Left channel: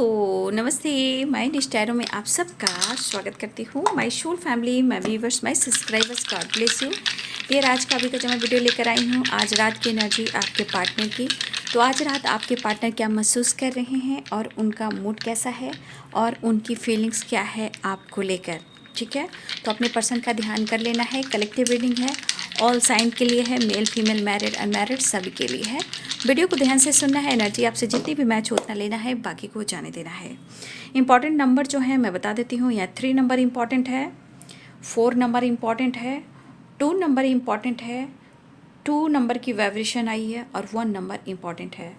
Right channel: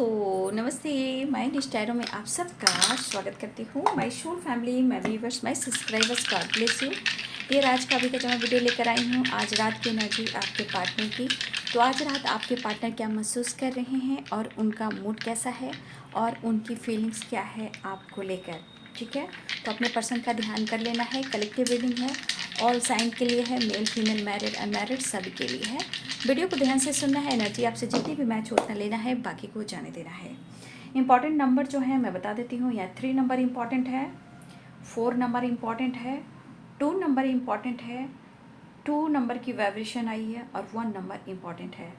दोस्तों नमस्ते, मैं निष्ठैरों में आप सबका स्वागत करती हूँ। My whole family, my viewers, my subscribers, God bless you. ये आज का अभी का जो मैं वीडियो लेकर आई हूँ, आज रात की एनर्जी आपके पार्टनर की। तो आज रात आपके पार्टनर क्या महसूस कर रहे हैं और उनका मूड कैसा है और उनकी फीलिंग्स क्या है आपको लेकर, ठीक है। तो अपने पर्सन का ध्यान कर लेना है। कलेक्टिव रीडिंग है, ऑल साइन के लिए है, मेल फीमेल मैरिड अनमैरिड सभी के लिए है। वीडियो को ध्यान से सुनना है, एनर्जी आपसे जितनी भी मैच उतना लेना है, बाकी को जाने देना है। इंपॉर्टेंट नंबर जो है मैं बता देती हूँ। यहाँ 3 नंबर इंपॉर्टेंट है, 4 नंबर इंपॉर्टेंट है, 2 नंबर इंपॉर्टेंट है, 2 नंबर की वाइब्रेशन आई है और 1 नंबर इंपॉर्टेंट है,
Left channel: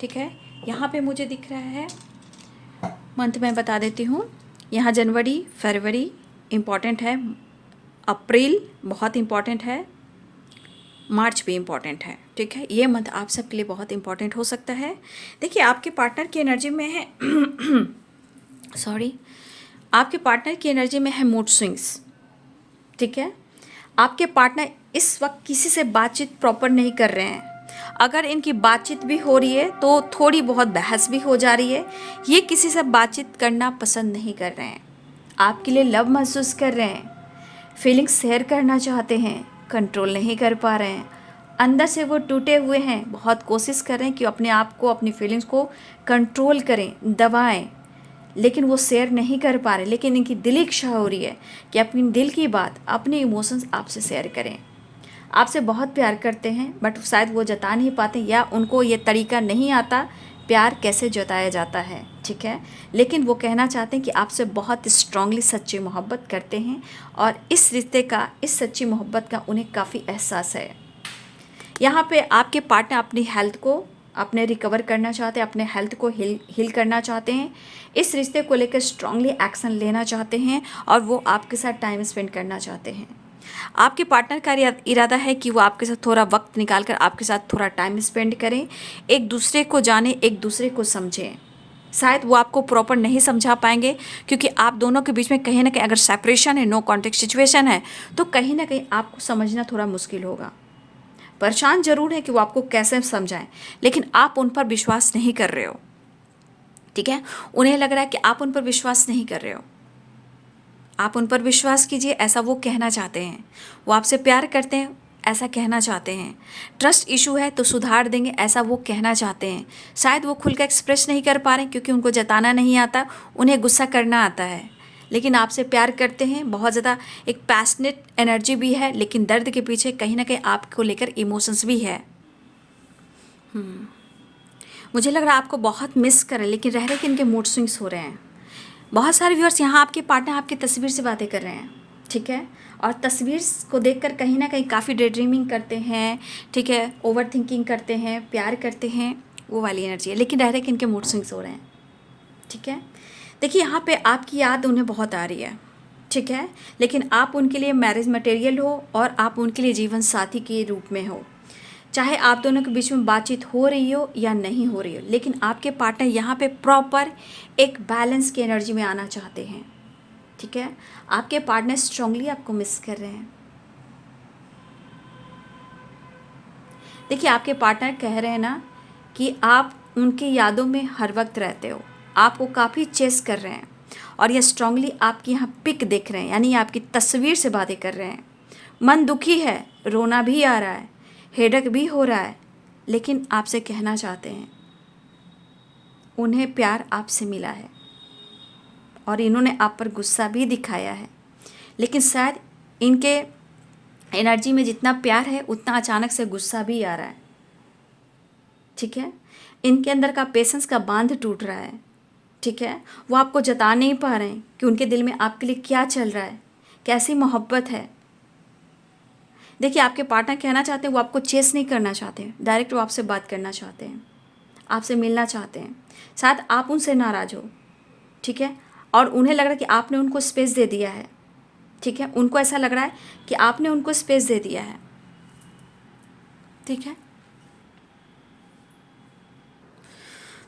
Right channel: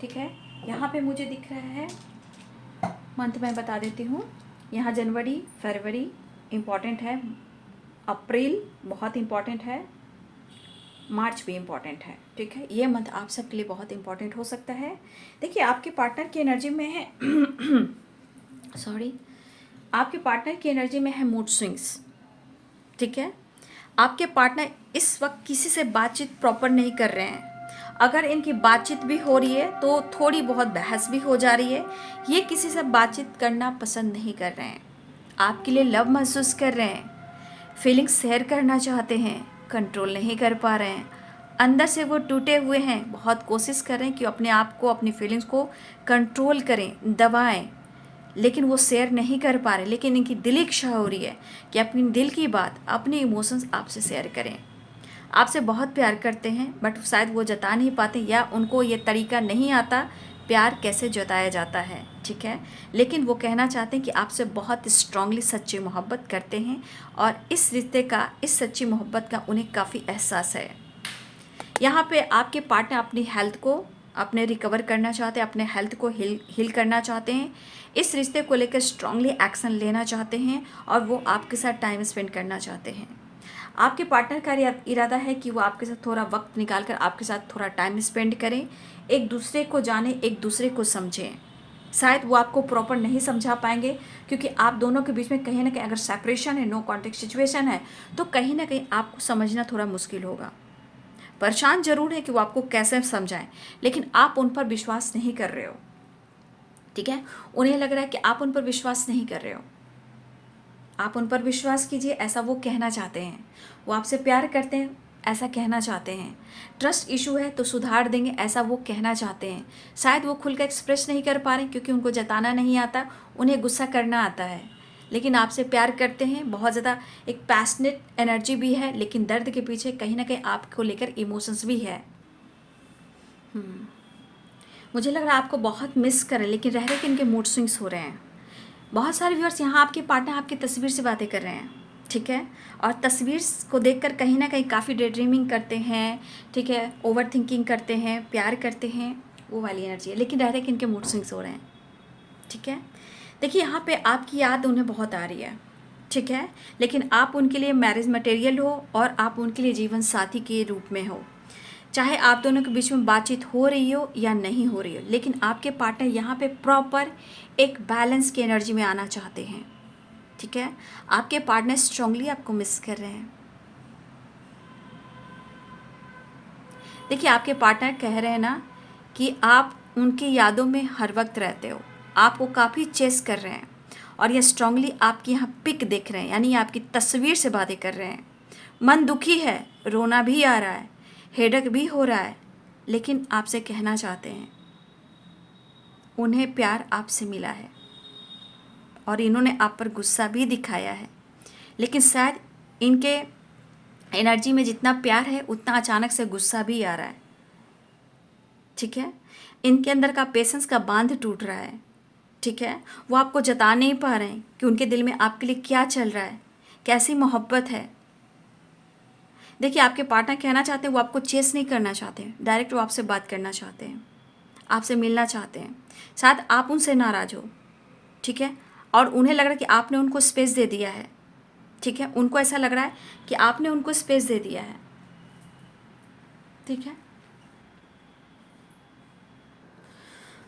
ठीक है। यहाँ पे मुझे दिख रहा है मंथ में बता देती हूँ। यहाँ जनवरी फरवरी इम्पॉर्टेंट है, अप्रैल बहुत इम्पॉर्टेंट है, मार्च भी इम्पॉर्टेंट है, ठीक है। ये मंथ आप सबके लिए बहुत इम्पॉर्टेंट हो सकता है। देखिए आपके पार्टनर की एनर्जी में है सॉरी, आपके पार्टनर की एनर्जी में है मूड स्विंग्स, ठीक है। आपके पार्टनर इस वक्त किसी से बातचीत प्रॉपर नहीं कर रहे हैं। अगर इनकी बातचीत भी हो रही है तो थोड़ी बहुत बहस भी हो जा रही है। ये किसी से बातचीत करना पसंद नहीं कर रहे हैं, आपके लिए लव महसूस कर रहे हैं, फीलिंग्स शेयर करना चाहते हैं, कंट्रोल नहीं कर पा रहे हैं। अंदर से वो टूटे हुए हैं, बहुत कोशिश कर रहे हैं कि अपने आप को, अपनी फीलिंग्स को कंट्रोल करें, दबाएं, लेकिन वो शेयर नहीं कर पा रहे। लेकिन इनकी दिली इच्छा हो रही है कि अपनी दिल की बात, अपने इमोशंस आपसे शेयर करें। आपसे बहुत प्यार करते हैं बट शायद वो जता नहीं पाते, या उनको ये तरीका नहीं आता प्यार कैसे जताया जाता है, ठीक है। लेकिन वो कहना चाहते हैं कि आपसे बहुत स्ट्रांगली सच्ची मोहब्बत करते हैं और इस रिश्ते का, इस सच्ची मोहब्बत का उन्हें काफ़ी एहसास है। यहाँ पे आपके पार्टनर अपनी हेल्थ को अपने रिकवर करना चाहते हैं, अपने हेल्थ को हील करना चाहते हैं, इस रिश्ते को लेकर स्ट्रांगली एक्शन लेना चाहते हैं और वो आपके साथ टाइम स्पेंड करना चाहते हैं। आपके पार्टनर का इरादा है कि वो आपके साथ थोड़ा वक्त निकाल कर आपके साथ थोड़ा टाइम स्पेंड करें, एक दूसरे को जाने, एक दूसरे को समझें। शायद वो आपको प्रॉपर नहीं समझा पाएंगे क्योंकि आप दोनों के बीच में कहीं ना कहीं अगर सेपरेशन है, नो कॉन्टेक्ट सिचुएशन है, तो कहीं ना कहीं आपको समझना थोड़ा मुश्किल होगा। परेशान जरूर है कि वो आपको कैसे समझाएं, लेकिन आप उन पर विश्वास नहीं कर रहे हो, ठीक है। उन्हें लग रहा है कि आप उन पर विश्वास नहीं कर रहे हो। आप उन पर विश्वास कीजिए, ऐसा वो कहना चाहते हैं। वो आपसे प्यार करते हैं, ऐसा कहना चाहते हैं। ट्रस्ट इशू है तो सुधार देंगे, ऐसा वो कहना चाहते हैं। शायद वो खुल कर एक्सप्रेस नहीं कर पा रहे क्योंकि उनको जताना नहीं आता, उन्हें गुस्सा करना आता है। लेकिन आपसे प्यार करते हैं बहुत ज़्यादा, एक पैशनेट एनर्जी भी है, लेकिन दर्द के पीछे कहीं ना कहीं आपको लेकर इमोशंस भी है। मुझे लग रहा है आपको बहुत मिस करें, लेकिन रह रहे कि इनके मूड स्विंग्स हो रहे हैं। बहुत सारे व्यूअर्स यहाँ आपके पार्टनर आपकी तस्वीर से बातें कर रहे हैं, ठीक है। और तस्वीर को देखकर कहीं ना कहीं काफ़ी डे ड्रीमिंग करते हैं, ठीक है, ओवर थिंकिंग करते हैं, प्यार करते हैं, वो वाली एनर्जी है। लेकिन रह रहे कि इनके मूड स्विंग्स हो रहे हैं, ठीक है। देखिए यहाँ पे आपकी याद उन्हें बहुत आ रही है, ठीक है। लेकिन आप उनके लिए मैरिज मटेरियल हो और आप उनके लिए जीवन साथी के रूप में हो। चाहे आप दोनों के बीच में बातचीत हो रही हो या नहीं हो रही हो, लेकिन आपके पार्टनर यहाँ पे प्रॉपर एक बैलेंस की एनर्जी में आना चाहते हैं, ठीक है। आपके पार्टनर स्ट्रांगली आपको मिस कर रहे हैं। देखिए आपके पार्टनर कह रहे हैं ना कि आप उनकी यादों में हर वक्त रहते हो, आपको काफ़ी चेस कर रहे हैं और ये स्ट्रांगली आपकी यहाँ पिक देख रहे हैं, यानी आपकी तस्वीर से बातें कर रहे हैं। मन दुखी है, रोना भी आ रहा है, हेडेक भी हो रहा है, लेकिन आपसे कहना चाहते हैं उन्हें प्यार आपसे मिला है और इन्होंने आप पर गुस्सा भी दिखाया है। लेकिन शायद इनके एनर्जी में जितना प्यार है उतना अचानक से गुस्सा भी आ रहा है, ठीक है। इनके अंदर का पेशेंस का बांध टूट रहा है, ठीक है। वो आपको जता नहीं पा रहे हैं कि उनके दिल में आपके लिए क्या चल रहा है, कैसी मोहब्बत है। देखिए आपके पार्टनर कहना चाहते हैं वो आपको चेस नहीं करना चाहते हैं, डायरेक्ट वो आपसे बात करना चाहते हैं, आपसे मिलना चाहते हैं। शायद आप उनसे नाराज़ हो, ठीक है, और उन्हें लग रहा है कि आपने उनको स्पेस दे दिया है, ठीक है। उनको ऐसा लग रहा है कि आपने उनको स्पेस दे दिया है, ठीक है।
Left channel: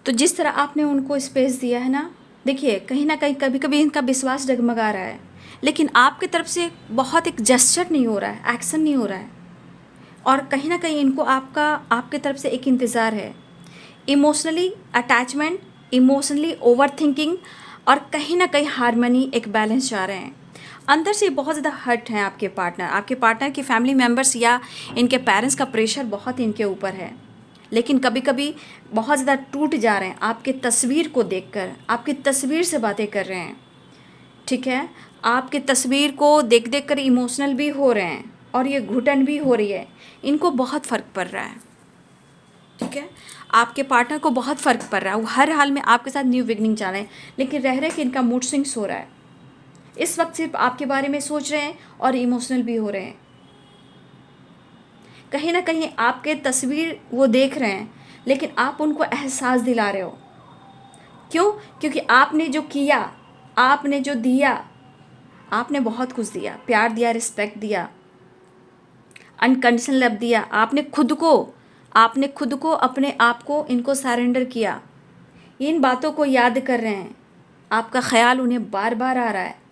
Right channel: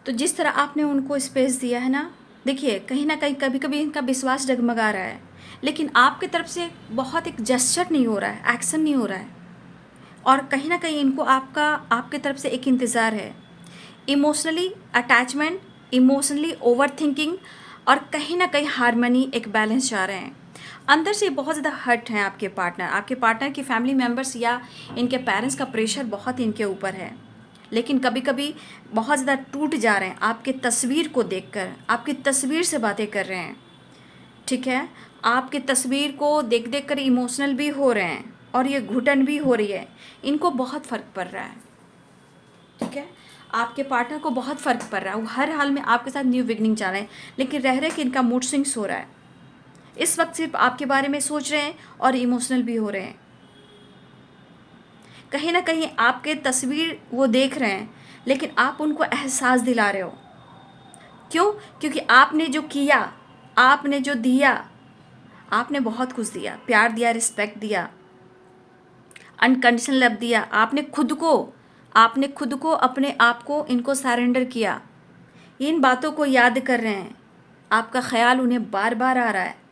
तो जिस तरह आपने उनको स्पेस दिया है ना, देखिए कहीं ना कहीं कभी कभी इनका विश्वास डगमगा रहा है, लेकिन आपकी तरफ से बहुत एक जेस्चर नहीं हो रहा है, एक्शन नहीं हो रहा है। और कहीं ना कहीं इनको आपकी तरफ से एक इंतज़ार है। Emotionally attachment emotionally over thinking और कहीं ना कहीं हारमोनी एक बैलेंस चाह रहे हैं। अंदर से बहुत ज़्यादा हर्ट हैं आपके पार्टनर की फैमिली मेम्बर्स या इनके पेरेंट्स का प्रेशर बहुत इनके ऊपर है, लेकिन कभी कभी बहुत ज़्यादा टूट जा रहे हैं आपके तस्वीर को देखकर, आपकी तस्वीर से बातें कर रहे हैं। ठीक है, आपकी तस्वीर को देख देख कर इमोशनल भी हो रहे हैं और ये घुटन भी हो रही है। इनको बहुत फ़र्क पड़ रहा है। ठीक है, आपके पार्टनर को बहुत फ़र्क पड़ रहा है। वो हर हाल में आपके साथ न्यू बिगनिंग चाह रहे हैं, लेकिन रह रहे कि इनका मूड स्विंग्स हो रहा है। इस वक्त सिर्फ आपके बारे में सोच रहे हैं और इमोशनल भी हो रहे हैं। कहीं ना कहीं आपके तस्वीर वो देख रहे हैं, लेकिन आप उनको एहसास दिला रहे हो। क्यों? क्योंकि आपने जो किया, आपने जो दिया, आपने बहुत कुछ दिया, प्यार दिया, रिस्पेक्ट दिया, अनकंडीशनल लव दिया। आपने खुद को अपने आप को इनको सरेंडर किया। इन बातों को याद कर रहे हैं, आपका ख्याल उन्हें बार बार आ रहा है।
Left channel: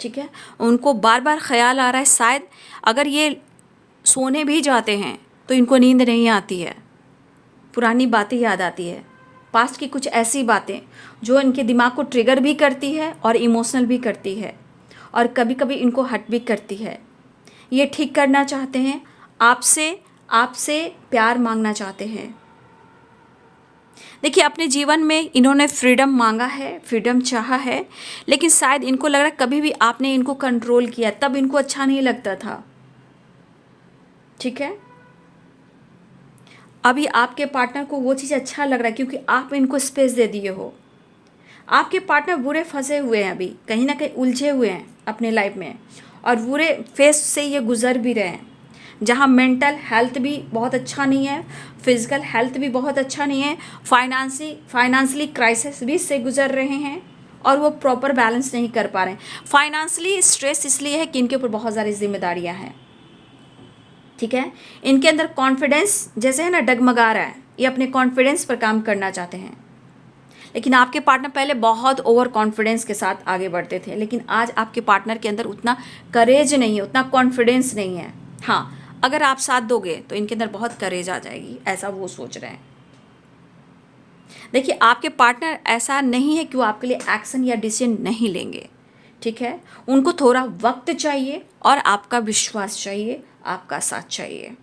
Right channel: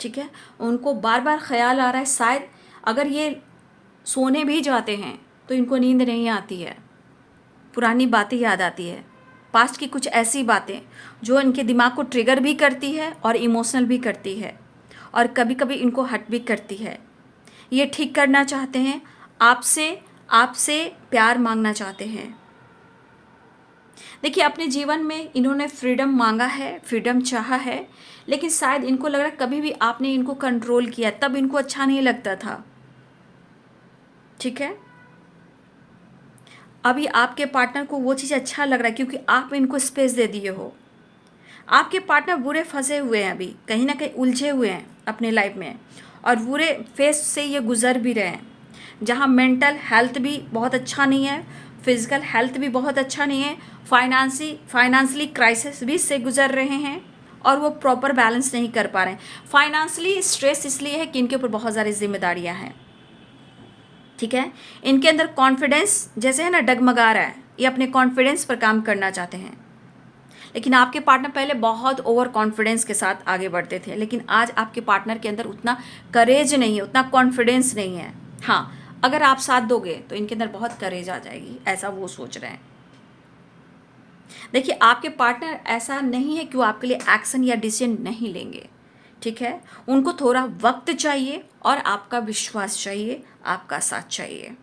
ठीक है, उनको बार बार ख्याल आ रहा है। शायद अगर ये सोने भी जाते हैं तो इनको नींद नहीं आती है, पुरानी बातें याद आती है, पास्ट की कुछ ऐसी बातें जो इनके दिमाग को ट्रिगर भी करती है और इमोशनल भी करती है और कभी कभी इनको हर्ट भी करती है। ये ठीक करना चाहते हैं, आपसे आपसे प्यार मांगना चाहते हैं। देखिए, अपने जीवन में इन्होंने फ्रीडम मांगा है, फ्रीडम चाहा है, लेकिन शायद इनको लग रहा है कभी भी आपने इनको कंट्रोल किया, तब इनको अच्छा नहीं लगता था। ठीक है, अभी आपके पार्टनर को वो चीज़ अच्छा लग रहा है क्योंकि आप इनको स्पेस दे दिए हो। आपके पार्टनर बुरे फंसे हुए हैं, अभी कहीं ना कहीं उलझे हुए हैं अपने लाइफ में और बुरे फेस से ये गुजर भी रहे हैं, जहाँ मेंटल हेल्थ भी बहुत अच्छा नहीं है, फिजिकल हेल्थ भी बहुत अच्छा नहीं है, फाइनेंशियली क्राइसिस भी से गुजर रहे हैं और वो प्रॉपर बैलेंस नहीं कर पा रहे हैं। फाइनेंशियली स्ट्रेस इसलिए है कि इनके ऊपर बहुत सारी जिम्मेदारियां हैं। ठीक है, इनके अंदर कॉन्फिडेंस जैसे है ना डगमगा रहा है, ये अपने कॉन्फिडेंस पर काम करना चाहते हैं। लेकिन आपके पार्टनर पहले बहुत ओवर कॉन्फिडेंस के साथ आगे बढ़ते थे, लेकिन आज आपके पार्टनर के अंदर उतना करेज नहीं है, उतना कॉन्फिडेंस नहीं है। हाँ, अगर आप साथ दोगे तो इनके अंदर बहुत करेज आ जाएगी, ऐसा वो सोच रहे हैं। देखिए, आपके पार्टनर ऐसा नहीं है कि वो आपके लिए एक्शन या डिसीजन नहीं लेंगे। ठीक है, उनको थोड़ा वक्त चाहिए और आपका विश्वास चाहिए, आपका साथ चाहिए,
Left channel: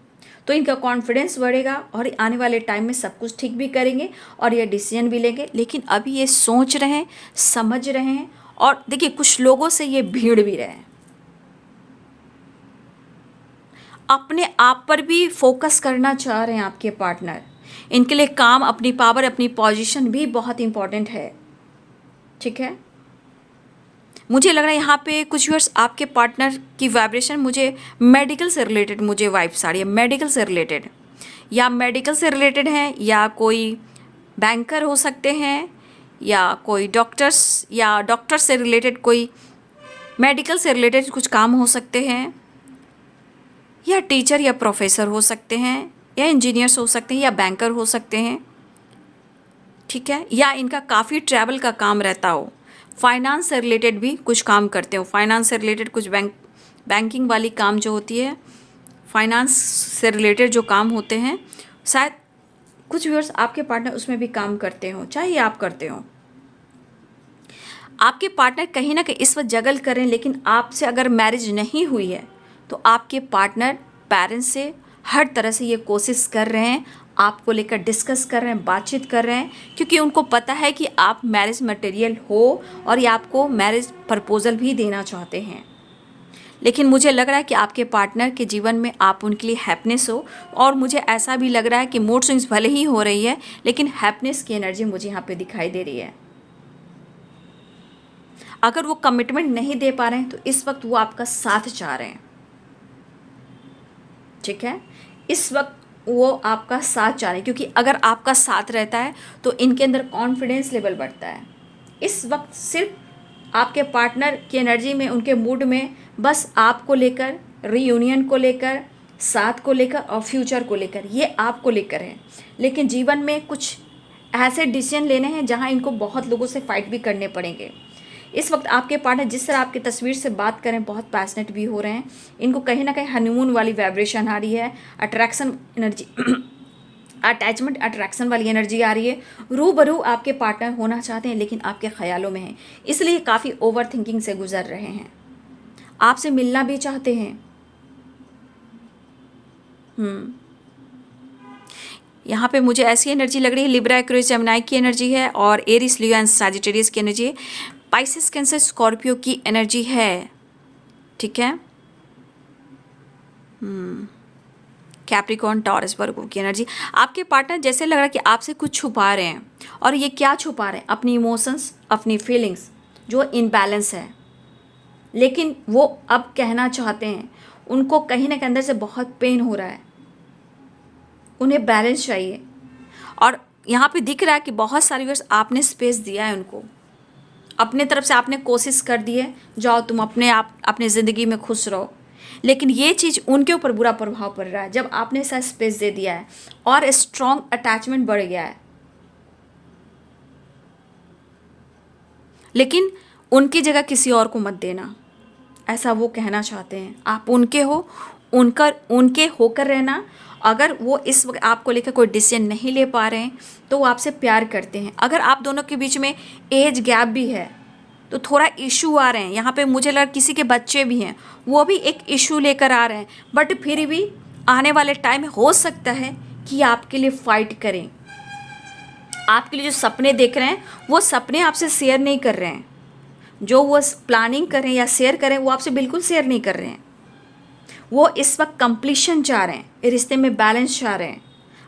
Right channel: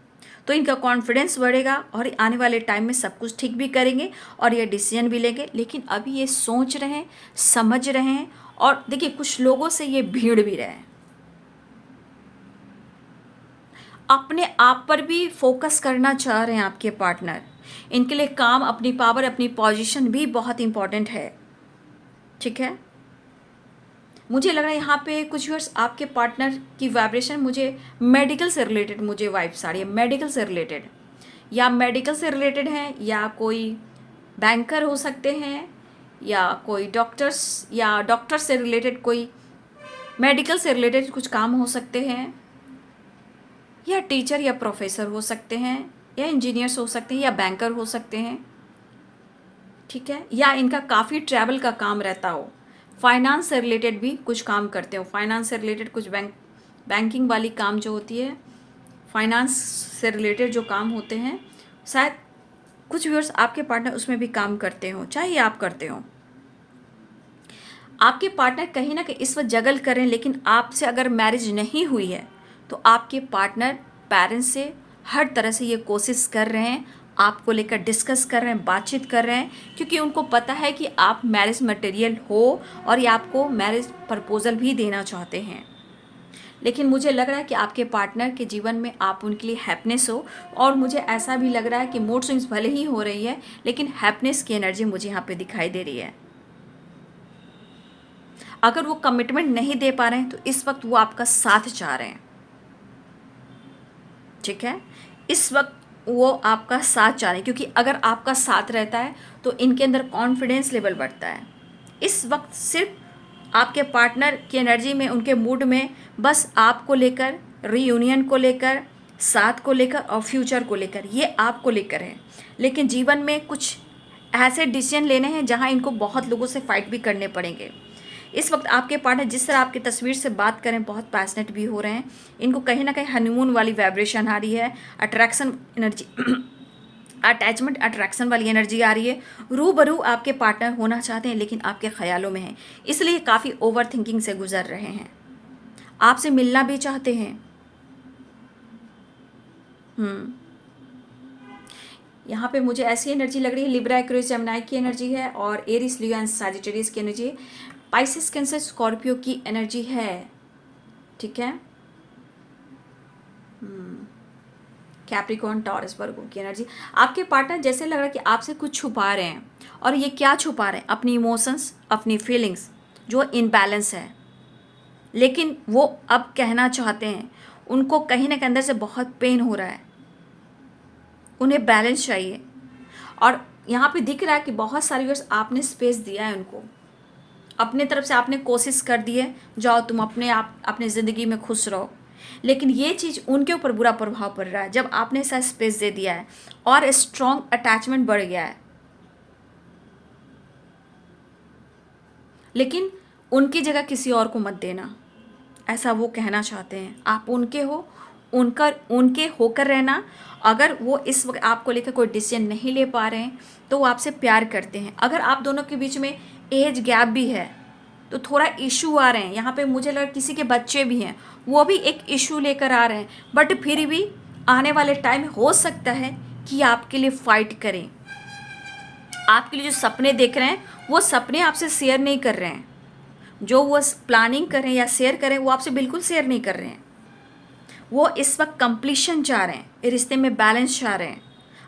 तो इनका कॉन्फिडेंस बढ़ेगा और आने वाले टाइम में सब कुछ ठीक भी करेंगे और ये डिसीजन भी लेंगे। लेकिन अभी ये सोच रहे हैं, समझ रहे हैं और देखिए कुछ लोगों से ये भीड़ भी रहे हैं। अपने आप पर भी फोकस करना चाह रहे हैं आपके पार्टनर। इनके लिए काम, अपनी पावर, अपनी पोजीशन भी बहुत इंपॉर्टेंट है। ठीक है, मुझे लग रहा है यहाँ पे कुछ व्यूअर्स आपके पार्टनर की वाइब्रेशन मुझे मेडिकल से रिलेटेड मुझे वाइब्स आ रही है। मेडिकल से रिलेटेड है या कोई बैंकर हो सकते हैं या कोई डॉक्टर्स या डॉक्टर से रिलेटेड, कोई मेडिकल से रिलेटेड कुछ काम हो सकते हैं, या टीचर या प्रोफेसर हो सकते हैं, या इंजीनियर्स हो सकते हैं, या बैंकर हो सकते हैं। ठीक है, या इनका काफ़ी ट्रैवल का काम रहता हो, फाइनेंस से रिलेटेड भी कुछ काम करते हो, फाइनेंस से रिलेटेड कुछ बैंकिंग वाली काम जो होती है, फाइनेंस से रिलेटेड जो काम होते हैं, शायद कुछ व्यूअर्स आपके पार्टनर उसमें भी काम करते हो, चाहे आप करते हो। आपके पार्टनर कहीं ना कहीं इस वक्त जगल कर रहे हैं, लेकिन आपसे अगर मैरिज नहीं हुई है तो आपके पार्टनर पेरेंट्स से हर तरह से ये कोशिश कर रहे हैं, आपको लेकर डिस्कस कर रहे हैं, बातचीत कर रहे हैं, क्योंकि उनको पता है कि आप मैरिज मटेरियल हो और ये आपको मैरिज प्रपोजल भी देना चाहते हैं। लेकिन मुझे लग रहा है कि आपके पार्टनर के जीवन में आप उनके लिए हैप्पीनेस हो, और मुझे ऐसा भी लग रहा है कि मूड स्विंग्स भले ही हो रही है, लेकिन हैप्पीनेस की एनर्जी मुझे यहाँ पे दिखाई दे रही है। अगर वो कमिटमेंट नहीं दे पा रहे हैं तो इस वक्त वो आपका साथ चाह रहे हैं। ठीक है, इस वक्त वो आपका साथ चाह रहे हैं, क्योंकि अगर आपका साथ रहता है तो इनके अंदर कॉन्फिडेंस लेवल बढ़ता है। इस वक्त सिर्फ आपके पार्टनर की एनर्जी में, उनके मूड में बस आपको लेकर, रीयूनियन को लेकर, साथ को लेकर और फ्यूचर को लेकर, ये आपको लेकर है। लेकिन जीवन में कुछ ऐसे डिसीजन लेने हैं जहां इनको बहुत लोगों से फाइट भी करने पड़ेंगे। इस वक्त आपके पार्टनर जिस तरह आपकी तस्वीर से बात करें बहुत पैशनेट भी हो रहे हैं। इनको कहीं ना कहीं हनीमून वाली वाइब्रेशन आ रही है, अट्रैक्शन एनर्जी अटैचमेंट अट्रैक्शन वाली एनर्जी आ रही है। रूबरू आपके पार्टनर होना चाहते हैं लेकिन आपके ख्यालों में हैं, इसलिए काफ़ी ओवर थिंकिंग से गुजर रहे हैं। आपसे मिलना भी चाहते हैं। यहाँ पे मुझे ऐसी एनर्जी लग रही है, लिब्रा एक्वेरियस जेमिनी की एनर्जी है और एरिस लियो एंड सैजिटेरियस की एनर्जी है, पाइसिस कैंसर स्कॉर्पियो की एनर्जी है। ठीक है, कैप्रिकॉर्न टॉरस वर्गो की एनर्जी। आपके पार्टनर जैसे लग रहा है कि आपसे कुछ छुपा रहे हैं, और ये क्या छुपा रहे हैं? अपनी इमोशंस, अपनी फीलिंग्स जो इनबैलेंस है, लेकिन वो अब कहना चाहते हैं। उनको कहीं ना कहीं अंदर से बहुत पेन हो रहा है, उन्हें बैलेंस चाहिए। और यहाँ पे दिख रहा है कि बहुत सारी बार आपने स्पेस दिया है उनको, अपने तरफ से आपने कोशिश कर दी है, जाओ तुम अपने आप अपनी ज़िंदगी में खुश रहो, लेकिन ये चीज़ उनके ऊपर बुरा प्रभाव पड़ रहा है जब आपने ऐसा स्पेस दे दिया है और स्ट्रॉन्ग अटैचमेंट बढ़ गया है। लेकिन उनकी जगह किसी और को मत देना, ऐसा वो कहना चाहते हैं। आप उनके हो, उनके होकर रहना। अगर वो इस वक्त आपको लेकर कोई डिसीजन नहीं ले पा रहे हैं तो वो आपसे प्यार करते हैं। अगर आप दोनों के बीच में एज गैप भी है तो थोड़ा इशू आ रहे हैं, यहाँ पे मुझे लगा किसी के बच्चे भी हैं, वो भी एक इशू लेकर आ रहे हैं, बट फिर भी आने वाले टाइम हो सकता है कि आपके लिए फाइट करें। आपके लिए जो सपने देख रहे हैं वो सपने आपसे शेयर नहीं कर रहे हैं, जो वो प्लानिंग करें या शेयर करें वो आपसे बिल्कुल शेयर नहीं कर रहे हैं। वो इस वक्त कंप्लीशन चाह रहे हैं, रिश्ते में बैलेंस चाह रहे हैं,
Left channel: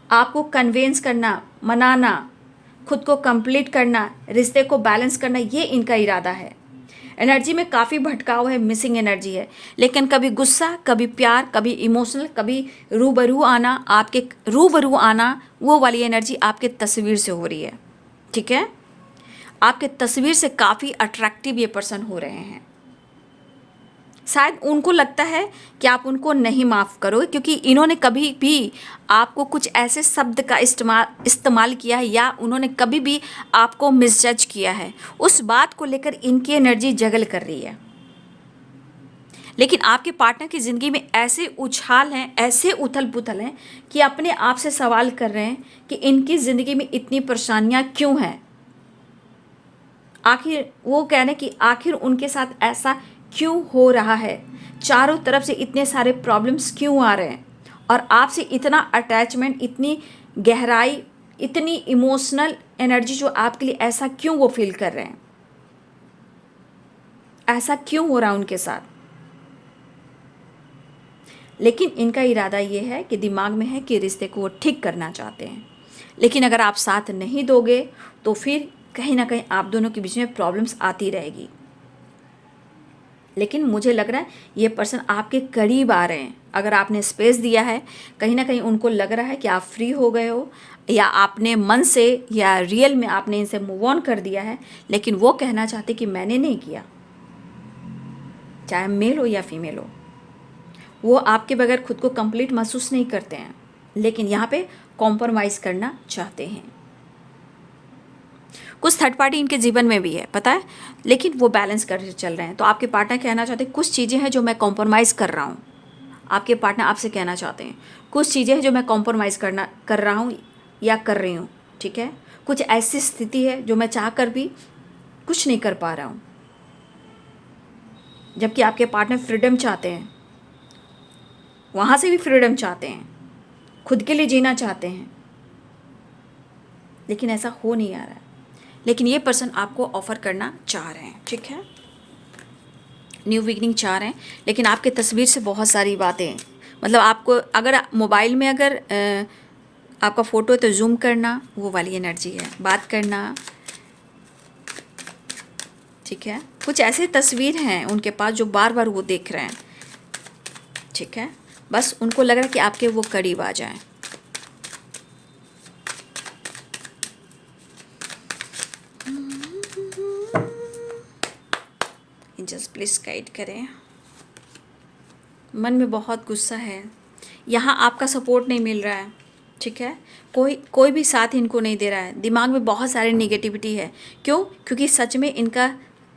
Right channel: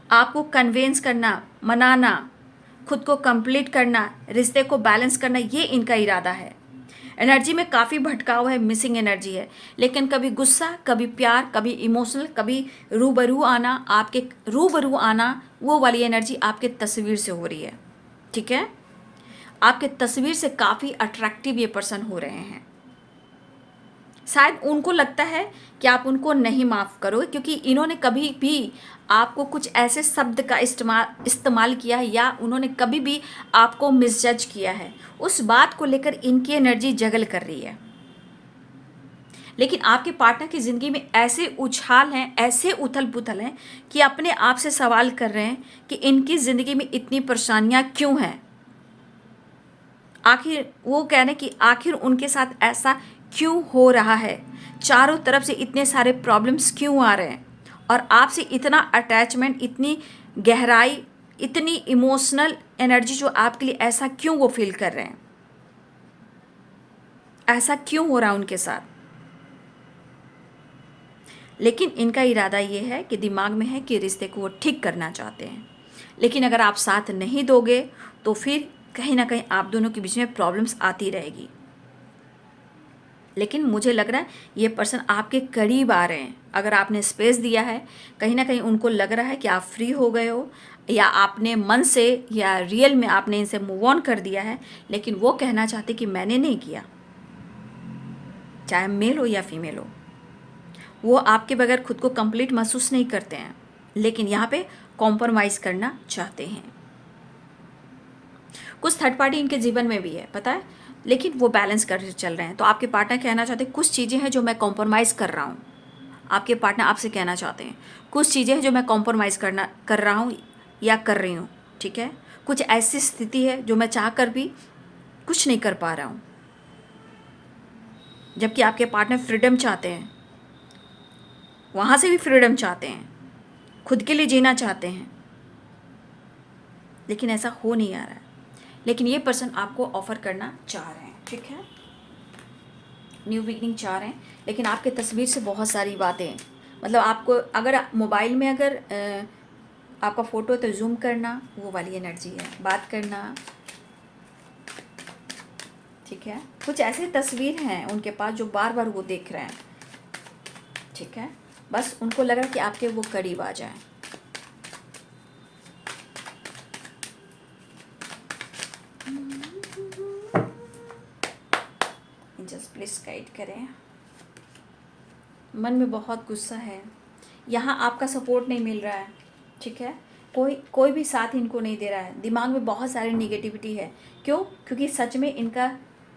आपको कन्वेंस करना, मनाना, खुद को कंप्लीट करना, रिश्ते को बैलेंस करना, ये इनका इरादा है। एनर्जी में काफ़ी भटकाव है, मिसिंग एनर्जी है, लेकिन कभी गुस्सा, कभी प्यार, कभी इमोशनल, कभी रूबरू आना, आपके रूबरू आना, वो वाली एनर्जी आपके तस्वीर से हो रही है। ठीक है, आपके तस्वीर से काफ़ी अट्रैक्टिव ये पर्सन हो रहे हैं। शायद उनको लगता है कि आप उनको नहीं माफ़ करोगे, क्योंकि इन्होंने कभी भी आपको कुछ ऐसे शब्द का इस्तेमाल किया है या उन्होंने कभी भी आपको मिसजज किया है। उस बात को लेकर इनकी एनर्जी जगल कर रही है। लेकिन आपके पार्टनर की ज़िंदगी में ऐसे उछाल हैं, ऐसे उथल पुथल हैं कि अपने आप से सवाल कर रहे हैं कि इनकी ज़िंदगी में इतनी परेशानियाँ क्यों हैं। आखिर वो कह रहे हैं कि आखिर उनके साथ ऐसा क्यों हो रहा है, चारों तरफ से इतने सारे प्रॉब्लम्स क्यों आ रहे हैं, और आपसे इतना अटैचमेंट, इतनी गहराई, इतनी इमोशनल एनर्जी जो आपके लिए, ऐसा क्यों वो फील कर रहे हैं, ऐसा क्यों हो रहा है उनके साथ। लेकिन इनका इरादा ये है कि दिमाग में है कि रिश्ते को वो ठीक करना चाहते हैं, लेकिन अगर आप साथ नहीं दोगे तो फिर कहीं ना कहीं आप दोनों के बीच में प्रॉब्लम्स आती रहेगी। लेकिन मुझे लग रहा है ये पर्सन आपके करीब आ रहे हैं। अगर आपने स्पेस दिया है, कहीं ना कहीं उनको लग रहा है कि आप फ्री हो गए हो, या आपने मन से या रियल में आपने इनसे मूव ऑन कर दिया है, लेकिन वो कहना चाहते कि मैंने नहीं किया। चाहे मेल हो या फीमेल हो, वो आपके बगैर खुद को कंप्लीट महसूस नहीं करते हैं, लेकिन यहाँ पे कॉम्प्रोमाइज़ करना चाहते हैं। कुछ थर्ड पार्टी इनके जीवन में भी है, पता है, लेकिन वो बैलेंस कर चल रहे हैं। तो आपके पार्टनर कहना चाहते हैं कुछ चीज़ें हैं जो मैं कॉम्प्रोमाइज़ कर रहा हूँ। आपके पार्टनर आपसे कहना चाहते हैं कुछ चीज़ें हैं जो मैं कॉम्प्रोमाइज़ कर रहा हूँ या कर रही हूँ। ठीक है, कुछ ऐसी स्थिति है जो मैं चाह कर भी कुछ नहीं कर पा रहा हूँ। जबकि आपके पार्टनर फ्रीडम चाहते हैं, वहाँ से भी फ्रीडम चाहते हैं, खुद के लिए जीना चाहते हैं, लेकिन ऐसा हो नहीं आ रहा है। लेकिन ये पर्सन आपको ऑफ़र करना चाह रहे हैं। ठीक है, न्यू बिगनिंग चाह रहे हैं, लेकिन आपके तस्वीर से बहुत सारी बातें, मतलब आपको अगर मोबाइल में अगर आपका फ़ोटो है तो जूम करना, वो वाली एनर्जी है, बात करना। ठीक है, कुछ ऐसे तस्वीर हैं उनके पास जो बार बार वो देख रहे हैं। ठीक है, बस उनको लग रहा है कि आपके वो करीब आ जाएं। जस्ट प्लीज़ गाइड करें। मन में बहुत गुस्सा है, यहाँ आपका सपोर्ट नहीं मिल रहा है। ठीक है, कोई भी साथ इनको नहीं दे रहा है, दिमाग में बहुत सारी नेगेटिविटी है। क्यों? क्योंकि सच में इनका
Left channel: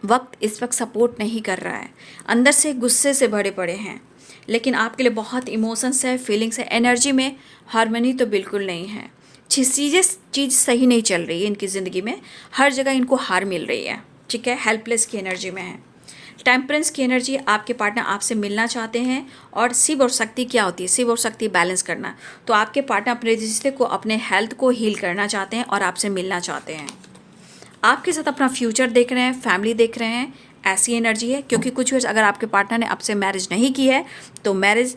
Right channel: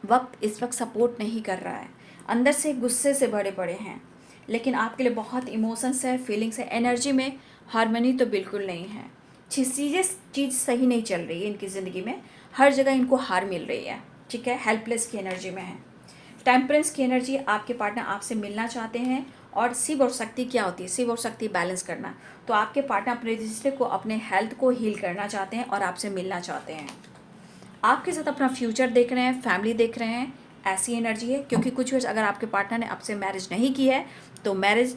वक्त इस वक्त सपोर्ट नहीं कर रहा है, अंदर से गुस्से से भरे पड़े हैं। लेकिन आपके लिए बहुत इमोशंस है, फीलिंग्स है, एनर्जी में हार्मनी तो बिल्कुल नहीं है। चीज़ सही नहीं चल रही है इनकी ज़िंदगी में, हर जगह इनको हार मिल रही है, ठीक है। हेल्पलेस की एनर्जी में है। टेम्परेंस की एनर्जी, आपके पार्टनर आपसे मिलना चाहते हैं। और शिव और शक्ति क्या होती है? शिव और शक्ति बैलेंस करना। तो आपके पार्टनर अपने रिश्ते को, अपने हेल्थ को हील करना चाहते हैं और आपसे मिलना चाहते हैं। आपके साथ अपना फ्यूचर देख रहे हैं, फैमिली देख रहे हैं, ऐसी एनर्जी है। क्योंकि कुछ वर्ष अगर आपके पार्टनर ने आपसे मैरिज नहीं की है तो मैरिज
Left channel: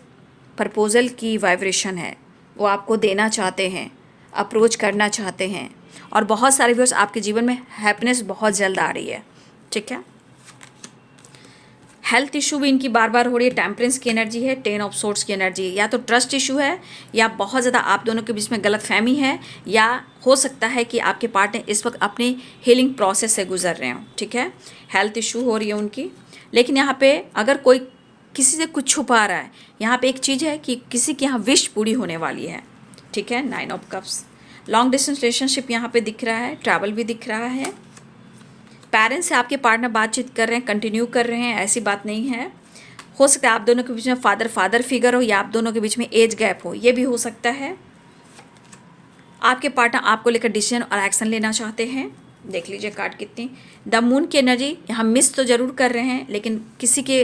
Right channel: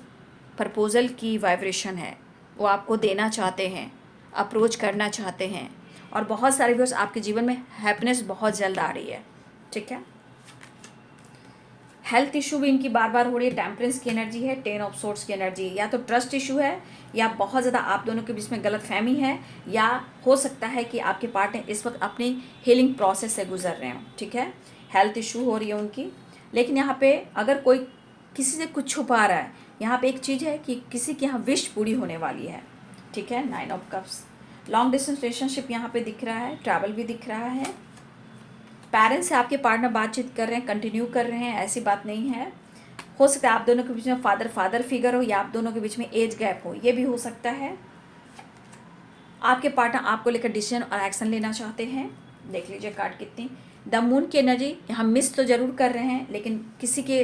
प्रपोजल की वाइब्रेशन है, वो आपको देना चाहते हैं, अप्रोच करना चाहते हैं। और बहुत सारे व्यूअर्स, आपके जीवन में हैप्पीनेस बहुत जल्द आ रही है, ठीक है। हेल्थ इशू भी इनकी बार बार हो रही है। टेम्परेंस की एनर्जी है, 10 ऑफ सोर्ड्स की एनर्जी है। या तो ट्रस्ट इशू है, या बहुत ज़्यादा आप दोनों के बीच में गलतफहमी है, या हो सकता है कि आपके पार्टनर इस वक्त अपनी हीलिंग प्रोसेस से गुजर रहे हों, ठीक है। हेल्थ इशू हो रही है उनकी। लेकिन यहाँ पे अगर कोई किसी से कुछ छुपा रहा है, यहाँ पे एक चीज़ है कि किसी की यहाँ विश पूरी होने वाली है, ठीक है। 9 of cups. Long distance relationship यहाँ पे दिख रहा है, ट्रैवल भी दिख रहा है। पेरेंट्स से आपके पार्टनर बातचीत कर रहे हैं, कंटिन्यू कर रहे हैं, ऐसी बात नहीं है। हो सकता है आप दोनों के बीच में फादर फिगर हो, या आप दोनों के बीच में एज गैप हो, ये भी हो सकता है। आपके पार्टनर आपको लेकर डिसीजन और एक्शन लेना चाहते हैं। देख लीजिए कार्ड कितनी। द मून की एनर्जी, यहाँ मिस तो ज़रूर कर रहे हैं, लेकिन किसी के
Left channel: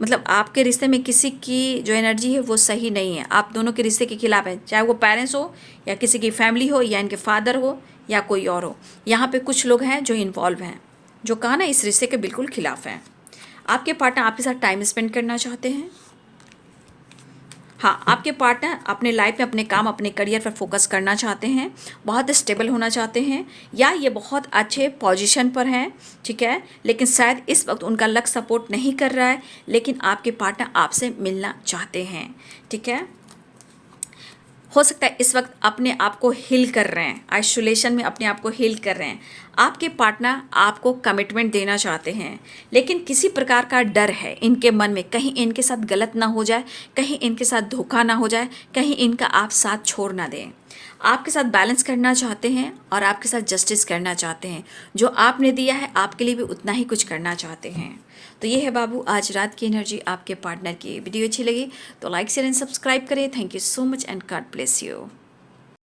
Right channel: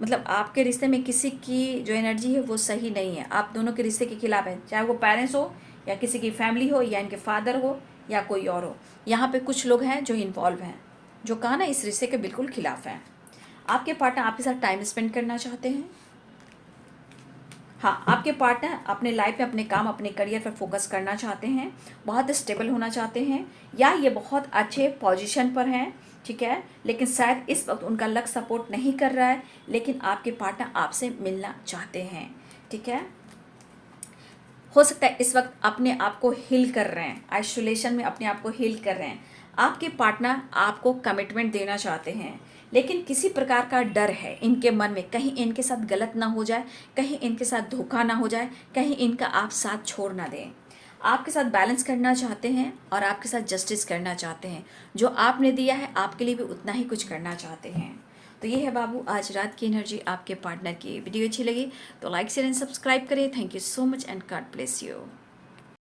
मतलब आपके रिश्ते में किसी की जो एनर्जी है वो सही नहीं है, आप दोनों के रिश्ते के खिलाफ है। चाहे वो पेरेंट्स हो, या किसी की फैमिली हो, या इनके फादर हो, या कोई और हो। यहाँ पे कुछ लोग हैं जो इन्वॉल्व हैं, जो कहा ना इस रिश्ते के बिल्कुल खिलाफ हैं। आपके पार्टनर आपके साथ टाइम स्पेंड करना चाहते हैं। हाँ, आपके पार्टनर अपने लाइफ में अपने काम, अपने करियर पर फोकस करना चाहते हैं, बहुत स्टेबल होना चाहते हैं, या ये बहुत अच्छे पोजीशन पर हैं, ठीक है। लेकिन शायद इस वक्त उनका लक सपोर्ट नहीं कर रहा है, लेकिन आपके पार्टनर आपसे मिलना चाहते हैं, ठीक है। हो सकता है इस वक्त अपने आप को हील कर रहे हैं, आइसोलेशन में अपने आप को हील कर रहे हैं। आपके पार्टनर आपको कमिटमेंट देना चाहते हैं, लेकिन किसी प्रकार का डर है इनके मन में, कहीं इनके साथ गलत ना हो जाए, कहीं इनके साथ धोखा ना हो जाए, कहीं इनका आप साथ छोड़ ना दें। आपके साथ बैलेंस करना चाहते हैं और आपके साथ जस्टिस करना चाहते हैं। जो आपने दिया है आपके लिए भी उतना ही कुछ करना चाहते हैं। तो ये है बाबू आज रात की एनर्जी आपके पार्टनर की। वीडियो अच्छी लगी तो लाइक शेयर एंड सब्सक्राइब करें। Thank you so much and God bless you.